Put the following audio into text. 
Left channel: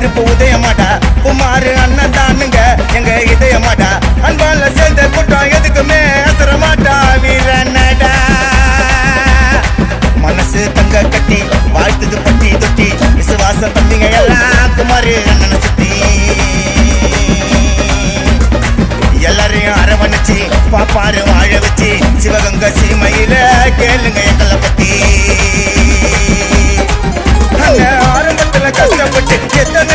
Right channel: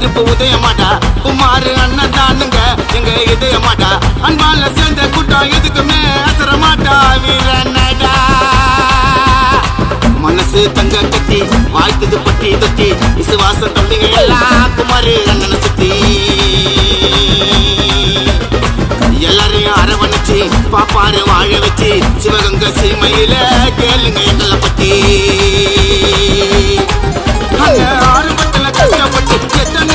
நெருப்பு உதயமாடா குமாரு அண்ணன் தானுங்க எங்க இதயமாடா அன்பால சேர்ந்த கூட்டம் எதுக்குமே அசர மாட்டா வீரனடா மனசு தங்க கட்டி வாழ்த்துது பட்டி தொட்டி விசுவாசம் தம்பிங்க எல்லாம் குமாரு அண்ணனை சுத்தி எல்லாரையும் அரவணைச்சு பாப்பாரு வாழ வச்சு சிவகங்கை சீமையில கேளுங்க எங்களை பத்தி ஆரம்பத்துல கஷ்டப்பட்டு எத்தனை